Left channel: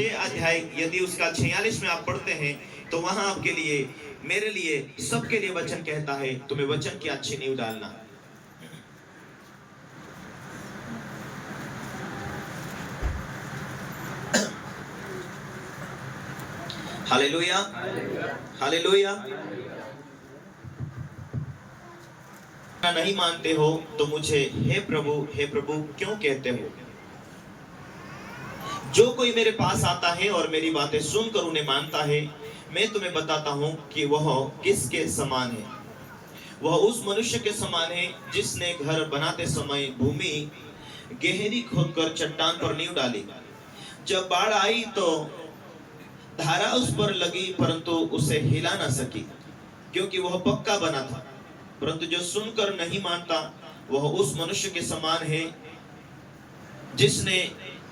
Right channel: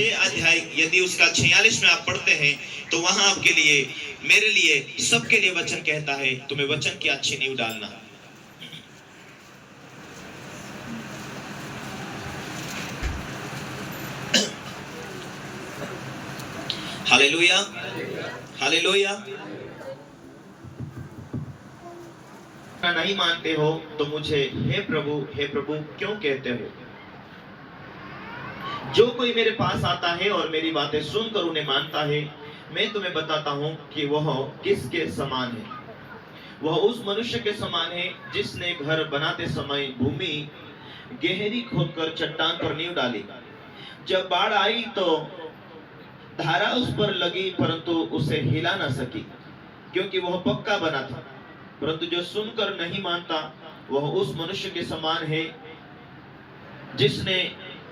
6 अध्याय यदि उसका 46 में आप पढ़ते हैं तो वहां आपके लिए, मेरे लिए, सबके लिए वचन कहता है तुम्हें वचन की अच्छी नींव डालना। Hallelujah, hallelujah. नहीं मानते हो तो मुझे हे प्रभु क्यों कहते हो? जो कोई मेरे पास आता है और मेरी बातें सुनकर उन्हें मानता है, मैं तुम्हें बताता हूं कि वह किसके समान है। वह उस मनुष्य के समान है जिसने घर बनाते समय भूमि गहरी खोदकर चट्टान पर नींव डाली। जब बाढ़ आई तो धारा उस पर लगी, परंतु उसे हिला न सकी, क्योंकि वह पक्का बना था। परंतु जो सुनकर नहीं मानता वह उस मनुष्य के समान है जिसने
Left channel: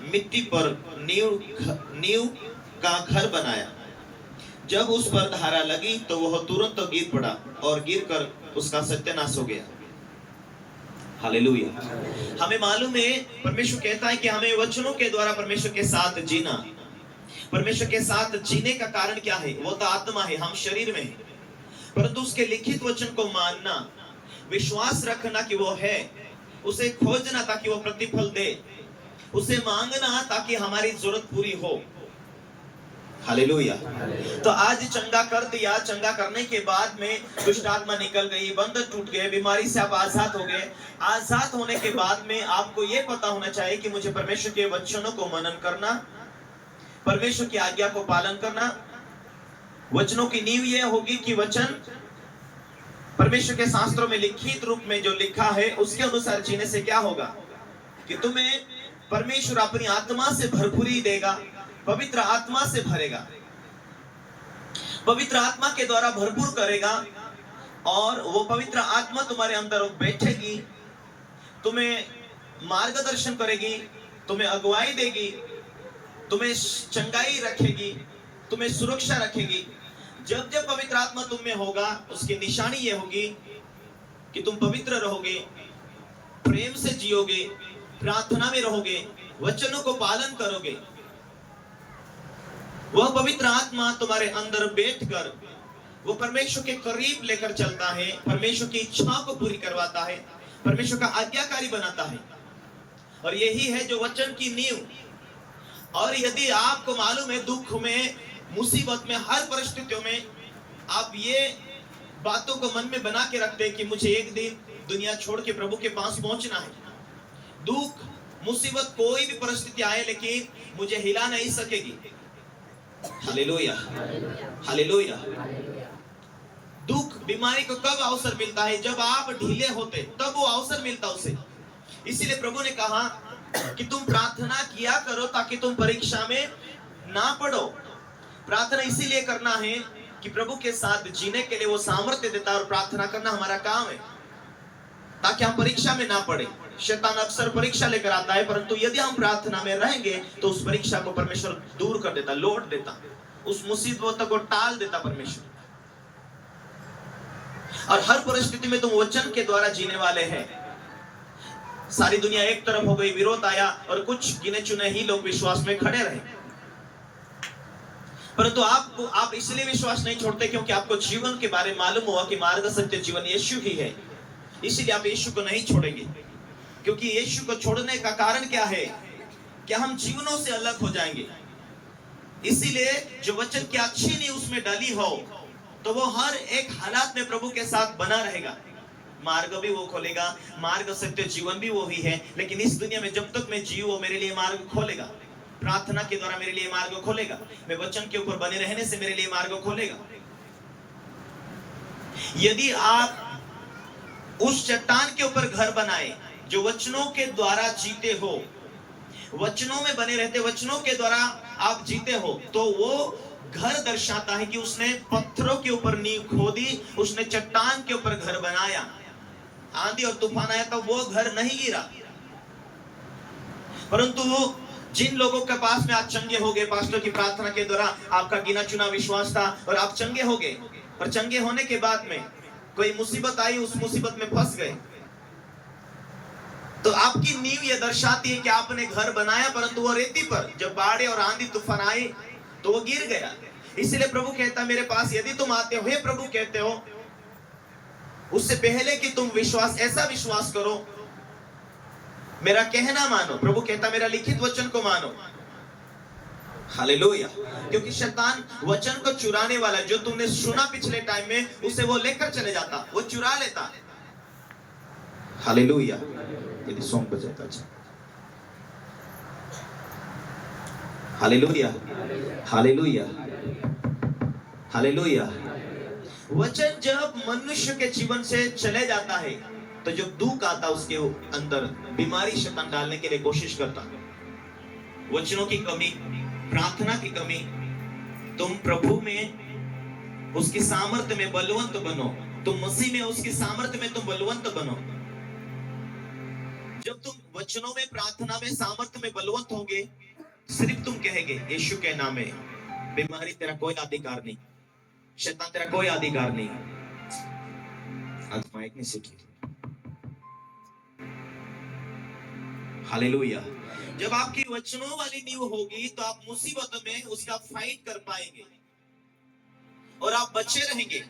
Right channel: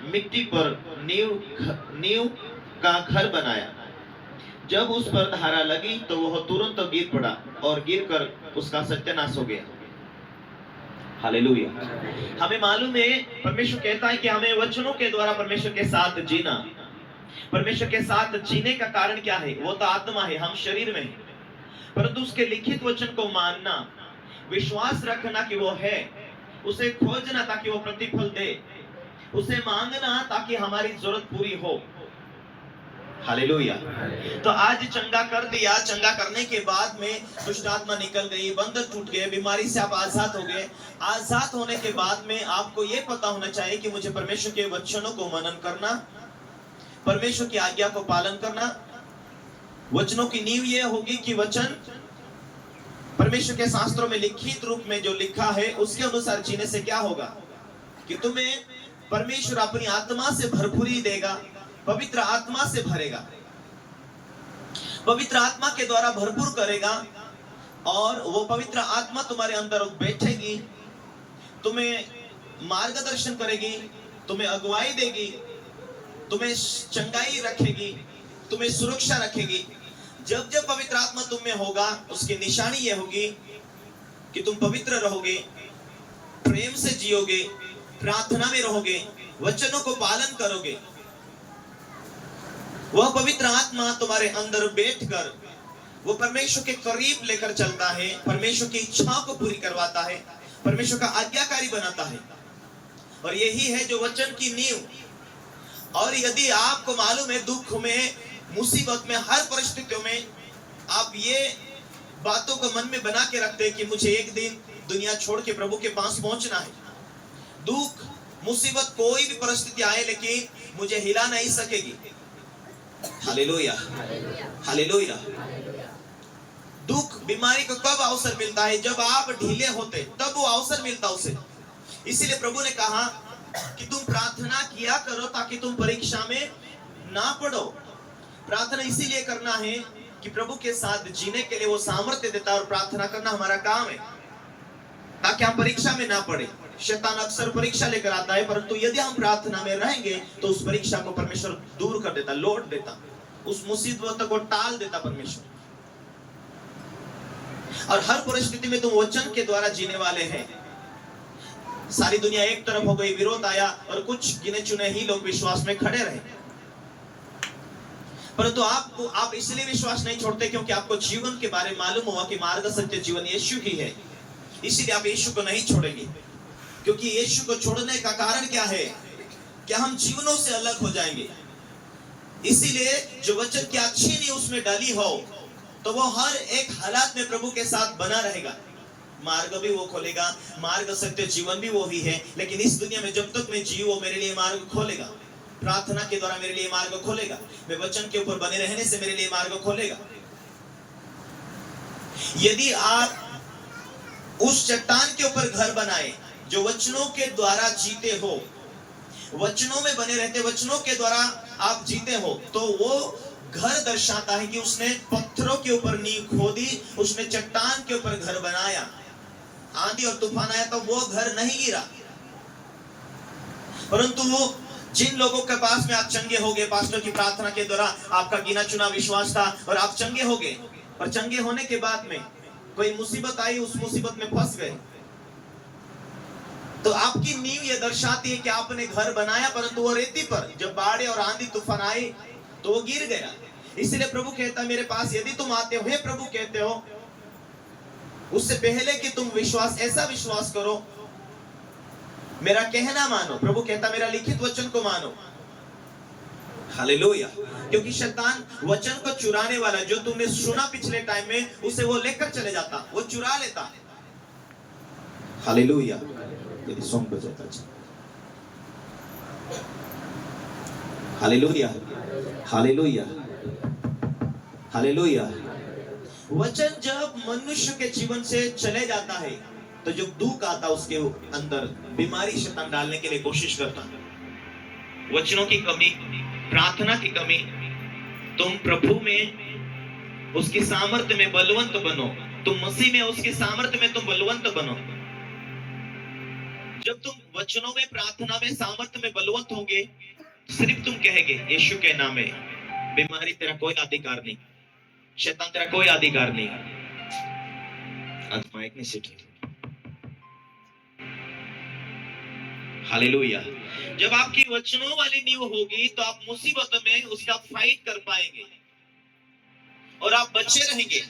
मिट्टी पर नींव का घर बनाया। जब उस पर धारा लगी तो वह तुरंत गिर पड़ा और गिरकर उसका सत्यानाश हो गया। हालेलुया। हमें मालूम है, परमेश्वर कहता है कि हमें वचनों के द्वारा परमेश्वर के साथ जीना। परमेश्वर के साथ जीने का कारण क्या है? वो तो आत्मा है, हम शरीर में है, परंतु उसके लिखित वचन को मानना, विश्वास रखना कि वो है, उसे खोजना ताकि वो प्रतिफल दे, उसे मांगना ताकि हमारी जरूरत पूरी हो। हालेलुया। तो आज चंगा कर दिया, चंगा करने के बाद में दुष्ट आत्मा निकल गई, बंधन टूट गए, बीमारी से आप आजाद हो गए। आजाद होने के बाद में आपको ये पता होना चाहिए कि मुझे परमेश्वर के वचनों को मनन करना, परमेश्वर की आज्ञा को पालन करना। वचनों की नींव यह होगी कि वचन परमेश्वर के शास्त्रों में लिखित रूप में जो लिखा है उसके अनुसार जीने से क्या होगा कि तुम्हें परमेश्वर अपनी आत्मा से भरपूरी देगा, पवित्र आत्मा से भरेगा, पवित्र आत्मा के द्वारा भरपूर करेगा, और वो पवित्र आत्मा तुम्हारे अंदर बैठेगी, तुम्हें मार्गदर्शन करेगी, तुम्हें अगुवाई देगी, तुम्हें चंगाई रखेगी, तुम्हें सुरक्षा रखेगी। जब जब पवित्र आत्मा तुम में होगा उसकी निशानी यह होगी कि तुम पवित्र रहोगे, प्रेम से जियोगे, प्रार्थना में रहोगे, वचनों को पालन करोगे। वह पवित्र आत्मा तुम्हारे अंदर बैठकर वो परमेश्वर के करीब लेकर चलता है, परमेश्वर की इच्छा को पूरी करवाता है, परमेश्वर का आज्ञाकारी बनाता है। और यही है जो वचन की नींव। और यदि आपको मालूम है, दुख में, मुसीबत में, हर परिस्थितियों में आप ये बातों को मन में बना के रखते हैं कि मुझे एक दिन दुनिया छोड़ के प्रभु के पास पहुंचना है। दुख, मुसीबत, कोई भी परिस्थिति आए लेकिन मुझे हिला नहीं सकेगी। Hallelujah, hallelujah. दुख, बीमारी को कब अवसर मिलता है? जब आप ढीले होते तब वो अवसर मिलता उसे। इसीलिए प्रभु ने कहा कि तुम प्रार्थना किया करो ताकि तुम परीक्षा में ना पड़ो। प्रार्थना इसीलिए करना है कि प्रभु के साथ जीने के लिए वो सामर्थ्य देता है, और प्रार्थना करना हमारा काम है ताकि हम परीक्षा में ना पड़े। शैतान अक्सर परीक्षा लेकर आता है, परंतु यदि हम प्रार्थना में रहेंगे तो उस परीक्षा को परमेश्वर दूर कर देता, लौट देता, उस मुसीबत को टाल देता परमेश्वर। और हर परिस्थिति में तुम वचन के द्वारा जीने वाले हैं। सारी दुनिया एक तरफ हो गई, विरोध आया और कुछ गिने चुने ही लोग विश्वास में खड़े रहे, परंतु आप इसलिए विश्वास नहीं छोड़ते क्योंकि आपको जीवन के बारे में मालूम हुआ कि मार्ग, सत्य, जीवन यीशु ही है। इसीलिए आप यीशु को नहीं छोड़ेंगे, क्योंकि यीशु को छोड़ने का कारण क्या है कि हम जीवनों से अलग हो जाएंगे। इसीलिए जो वचन की अच्छी नींव उसमें डाली हो तो वो हर एक हालात में प्रभु के साथ बना रहेगा। मार्ग भी वो खोलेगा, मार्ग, सत्य, जीवन भी वो ही है। लेकिन इस दुनिया में जब तक मैं जीव, वो मेरे लिए मार्ग खोलेगा, प्रार्थना के द्वारा मेरे लिए मार्ग खोलेगा, मैं वचन के ऊपर बने रहने से मेरे लिए मार्ग खोलेगा। यदि आप उस चट्टान के ऊपर घर बनाए जो वचनों के द्वारा जीते हो, वचनों में बने रहते, वचनों के द्वारा आप जीते हो, तो वो घर दर्शाता है कि उसने पत्थरों के ऊपर नींव खोदी, उसने चट्टान के ऊपर घर बनाया। आंधी और तूफान आया तो वो घर नहीं गिरा, परंतु वो जिन लोगों के पास में आप चंगे हो गए, पास्टर की प्रार्थना के द्वारा आपका गिना चुना विश्वास था और आप चंगे हो गए, और चंगे होने के बाद में कोई मुसीबत आई, उस मुसीबत में फंस गए, तो आपकी नींव यह दर्शाती है कि आपने घर बनाया परंतु वो रेती पर, जब बाढ़ और आंधी तूफान आए तो वो गिर गया। इसलिए प्रभु कहता मेरे पास यदि तुम आते हो, हे प्रभु कहते हो, उससे पहले कि तुम विश्वास, ऐसा विश्वास करो, मेरा कहना मानो। प्रभु कहता मेरा लिखित वचन को मानो। हालेलुया। क्योंकि शैतान वचन को चुराने वाला, जो तुमने सुना पिछले टाइम में, उसे वो लेकर चले जाता, वो चुरा लेता। हालेलुया। यदि सॉन्ग बजाता अच्छा। Hallelujah, hallelujah, hallelujah. वचन जब मनुष्य के जीवन से चले जाता है तो जो दुख आता उसके अंदर, बीमारी शैतान डालने के लिए कोशिश करता। वचनों की कमी, प्रार्थना की कमी। तुम प्रभु में, उसकी सामर्थ्य में बलवंत बनो। तुम मसीह में, उसकी सामर्थ्य में तुम बलवंत बनो। जब तुम वचनों में, प्रार्थना में, सामर्थ्य में बलवंत होंगे, सिर्फ तुम कहेंगे यीशु के नाम में, बीमारी तेरा कोई अधिकार नहीं, शैतान तेरा कोई अधिकार नहीं। आज माइक नहीं सीख। हालेलुया। जब आपकी वचनों वाली नींव होगी तो आप मुसीबत में उसका फाइट कर पाएंगे और आप बचे रहेंगे।